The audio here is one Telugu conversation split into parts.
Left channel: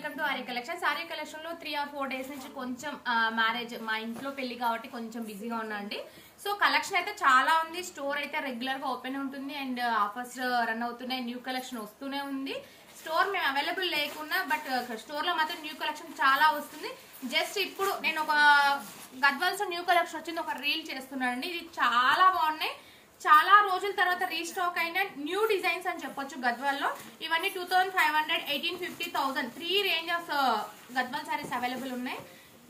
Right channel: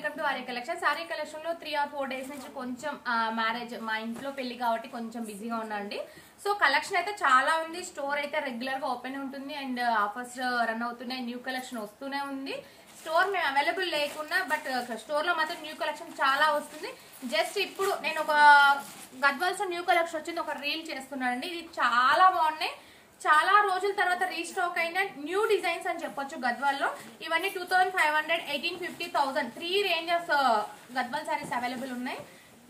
Welcome to Arya collection. Arya collection లో 3 or 4 days నుంచి కొంచెం మ్యారేజ్ మా ఇంట్లో పెళ్లి కాబట్టి కొంచెం బిజీగా ఉన్నా అండి. సో కలెక్షన్ అయితే చాలా ఉంది. స్టోర్ అయితే రెగ్యులర్ గా ఓపెన్ ఉంటుంది అండ్ ఆఫర్స్ రన్ అవుతున్నాయి. న్యూ కలెక్షన్ వస్తూనే ఉంది. స్టోర్ మేము అవైలబుల్ లేకున్నా బట్ స్టోర్ లో మాత్రం న్యూ కలెక్షన్ చాలా వస్తుంది. జస్ట్ ఇప్పుడు నేను ఒక గద్వాల్స్ న్యూ కలెక్షన్ వచ్చింది ఒక రీల్ చేస్తున్నానండి. ఇది చాలా బాగున్నాయి. చాలా రోజుల తర్వాత రీస్టాక్ అయిన న్యూ డిజైన్స్ అని చెప్పొచ్చు గద్వాల్లో. ఇవన్నీ 2500, 1850, 1000 3 range of Gadwal saris available ఉన్నాయి.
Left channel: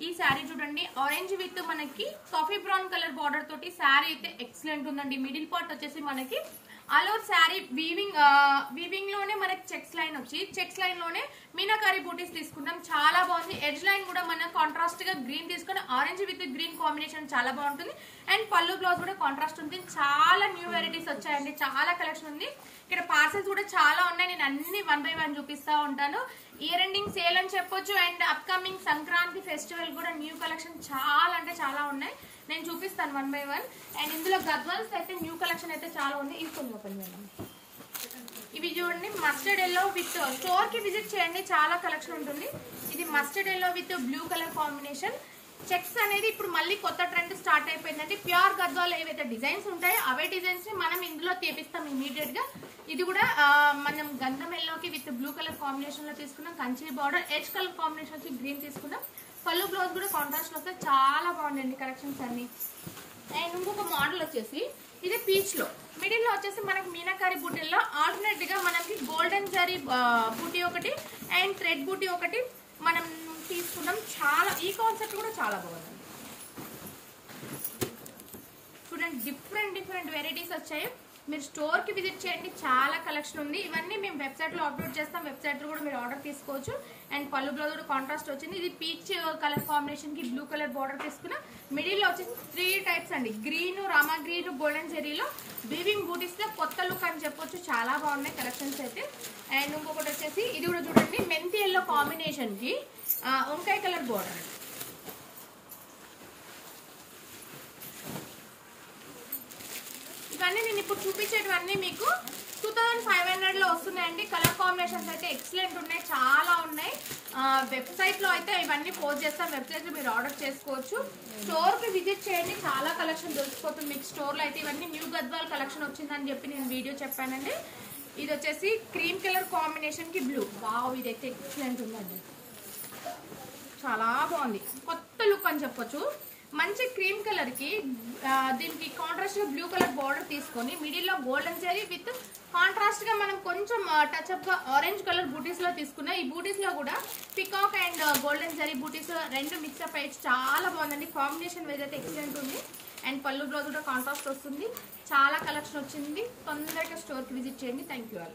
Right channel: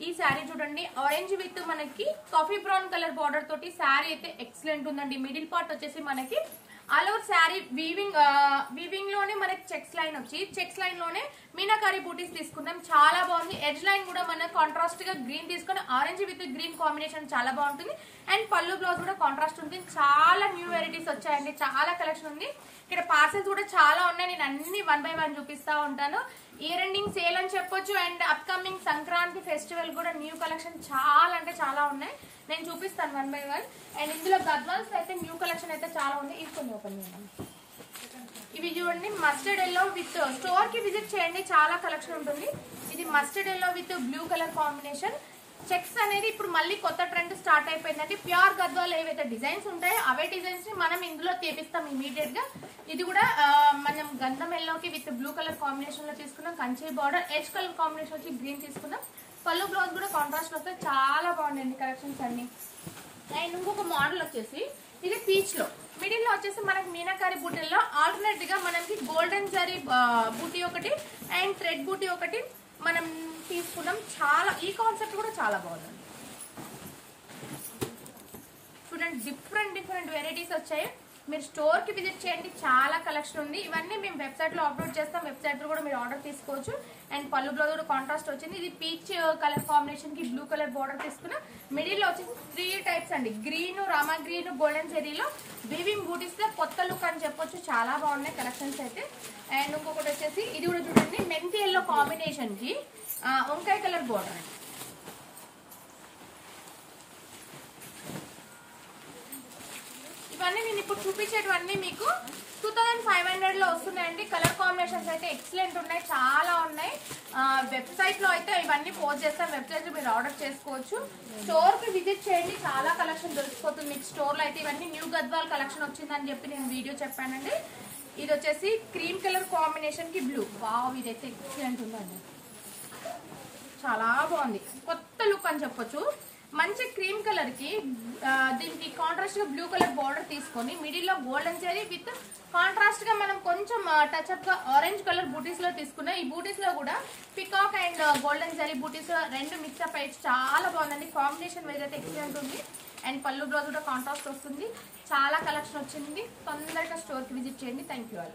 ఈ శారీ చూడండి, ఆరెంజ్ విత్ మనకి కాఫీ బ్రౌన్ కలర్ బార్డర్ తోటి శారీ అయితే ఎక్సలెంట్ ఉందండి. మిడిల్ పార్ట్ వచ్చేసి మనకి ఆల్ ఓవర్ శారీ వీవింగ్ లోనే మనకి చెక్స్ లైన్ వచ్చి చెక్స్ లైన్ లోనే మీనాకారి బూటీస్ తీసుకున్నాం. చాలా బాగుంది. ఎడ్జ్ లైన్ కూడా మనం కాంట్రాస్ట్ గా గ్రీన్ తీసుకుని ఆరెంజ్ విత్ గ్రీన్ కాంబినేషన్ చాలా బాగుంటుంది. అండ్ పళ్ళు బ్లౌజ్ కూడా కాంట్రాస్ట్ ఉంటుంది. చాలా న్యూ వెరైటీస్ వచ్చాయండి. చాలా కలెక్షన్ ఉంది. ఇక్కడ పార్సల్స్ కూడా చాలా ఉన్నాయి. నేను అన్ని 1 by 1 చూపిస్తా ఉంటాను. ఇయర్ ఎండింగ్ సేల్ అని చెప్పొచ్చు. అండ్ అప్కమింగ్ సంక్రాంతి ఫెస్టివల్ కూడా న్యూ కలెక్షన్ చాలా అంటే చాలా ఉన్నాయి. నేను చూపిస్తాను 1 by 1. అండ్ ఇందులో గద్వాల్స్ అయితే న్యూ కలెక్షన్ అయితే చాలా ఉంది. ఇది ఓపెన్ చేద్దాం. ఇవి చూడండి, మస్టర్డ్ ఎల్లో విత్ స్టోర్ కి విజిట్ చేయండి, చాలా కలెక్షన్ ఉంటుంది. ఇది mustard yellow with blue colour combination. Checks అనేది ఇప్పుడు మళ్ళీ కొత్త ట్రెండ్ స్టార్ట్ అయిపోయిందండి. ప్యూర్ గద్వాల్ ఏవైతే డిజైన్స్ ఉంటాయో అవే డిజైన్స్ ని మనం ఇందులో తీపిస్తాం ఇమీడియట్ గా. ఇది కూడా మనం గంధం ఎల్లోకి విత్ బ్లూ కలర్ కాంబినేషన్ లో తీసుకున్నాం. Kanchi border edge colour combination వచ్చి గ్రీన్ తీసుకున్నాం. పళ్ళు బ్లౌజ్ కూడా కాంట్రాస్ట్ వస్తే చాలా బాగుందండి కలెక్షన్స్ అన్ని. అండ్ ఇంకొక మోడల్ వచ్చేసి ఇది పీచ్ లో మిడిల్ లో వచ్చేసి మనకి మీనాకారి బూటీల్లో ఆల్టర్నేట్ గా మనకి గోల్డెన్ జరీ బూటీ ఒకటి అండ్ థ్రెడ్ బూటీ ఒకటి మనం తీసుకున్నాం. చాలా ఈ కాన్సెప్ట్ కూడా చాలా బాగుందండి. చూడండి, డిఫరెంట్ వెరైటీస్ వచ్చాయి. మీరు స్టోర్ కి విజిట్ చేయండి, చాలా కలెక్షన్ ఉంది. ఇవన్నీ మేము వెబ్సైట్ లో అప్లోడ్ చేస్తాం. వెబ్సైట్ లో కూడా మీరు ఆర్డర్ తీసుకోవచ్చు. అండ్ పళ్ళు బ్లౌజ్ కూడా కాంట్రాస్ట్ వచ్చింది. ఇది పీచ్ కలర్ కాంబినేషన్ కి బ్లూ కలర్ బార్డర్ తీసుకున్నా. మిడిల్ లో వచ్చేసి 3 టైప్స్ అండి. గ్రీన్, రామా గ్రీన్, గోల్డెన్ జెరీలో వీవింగ్ బూటీస్ లో కొత్త లుక్ అని చెప్పొచ్చు. చాలా బాగున్నాయి కలెక్షన్స్ అయితే. అండ్ ఇంకొకటి వచ్చేసి ఇది కూడా చూడండి, మెంతి ఎల్లో కాంబినేషన్ కి వంకాయ కలర్ బార్డర్ అండి. ఇవన్నీ నేను ఇప్పుడు చూపించేటివన్నీ మీకు 2500 లో వస్తున్నాయండి. కలర్ కాంబినేషన్స్ అయితే ఎక్సలెంట్ ఉన్నాయి, చాలా ఉన్నాయి. వెబ్సైట్ లో అయితే ఇవన్నీ పోస్ట్ చేస్తాం. వెబ్సైట్ లో మీరు ఆర్డర్ చేసుకోవచ్చు. స్టోర్ కి విజిట్ చేయండి, చాలా కలెక్షన్ దొరికిపోతుంది మీకు స్టోర్ లో అయితే. ఇవన్నీ న్యూ గద్వాల్ కలెక్షన్ వచ్చిందని చెప్పి నేను వీడియో చెప్పానండి. ఇది వచ్చేసి క్రీమ్ కలర్ కాంబినేషన్ కి బ్లూ. వావ్, ఇదైతే ఎక్సలెంట్ ఉందండి, చాలా బాగుంది. కొత్త లుక్ అని చెప్పొచ్చు. మంచి క్రీమ్ కలర్ కి దీనికి కాంట్రాస్ట్ గా బ్లూ కలర్ బార్డర్ తీసుకొని మిడిల్ లో గోల్డెన్ జరీ విత్ కాంట్రాస్ట్ గా మనం కొంచెం టచ్ అప్ గా ఆరెంజ్ కలర్ బూటీస్ లో తీసుకున్నా. ఈ బూటీస్ లో కూడా పికాక్ అండ్ గోల్డెన్ జరీ బూటీస్ లో 2 మిక్స్అప్ అయ్యి చాలా బాగుందండి. కాంబినేషన్ వైజ్ అయితే ఎక్సలెంట్ ఉంది. అండ్ పళ్ళు బ్లౌజ్ కూడా కాంట్రాస్ట్ వస్తుంది. చాలా కలెక్షన్ వచ్చింది. తొందరగా స్టోర్ కి విజిట్ చేయండి. Thank you.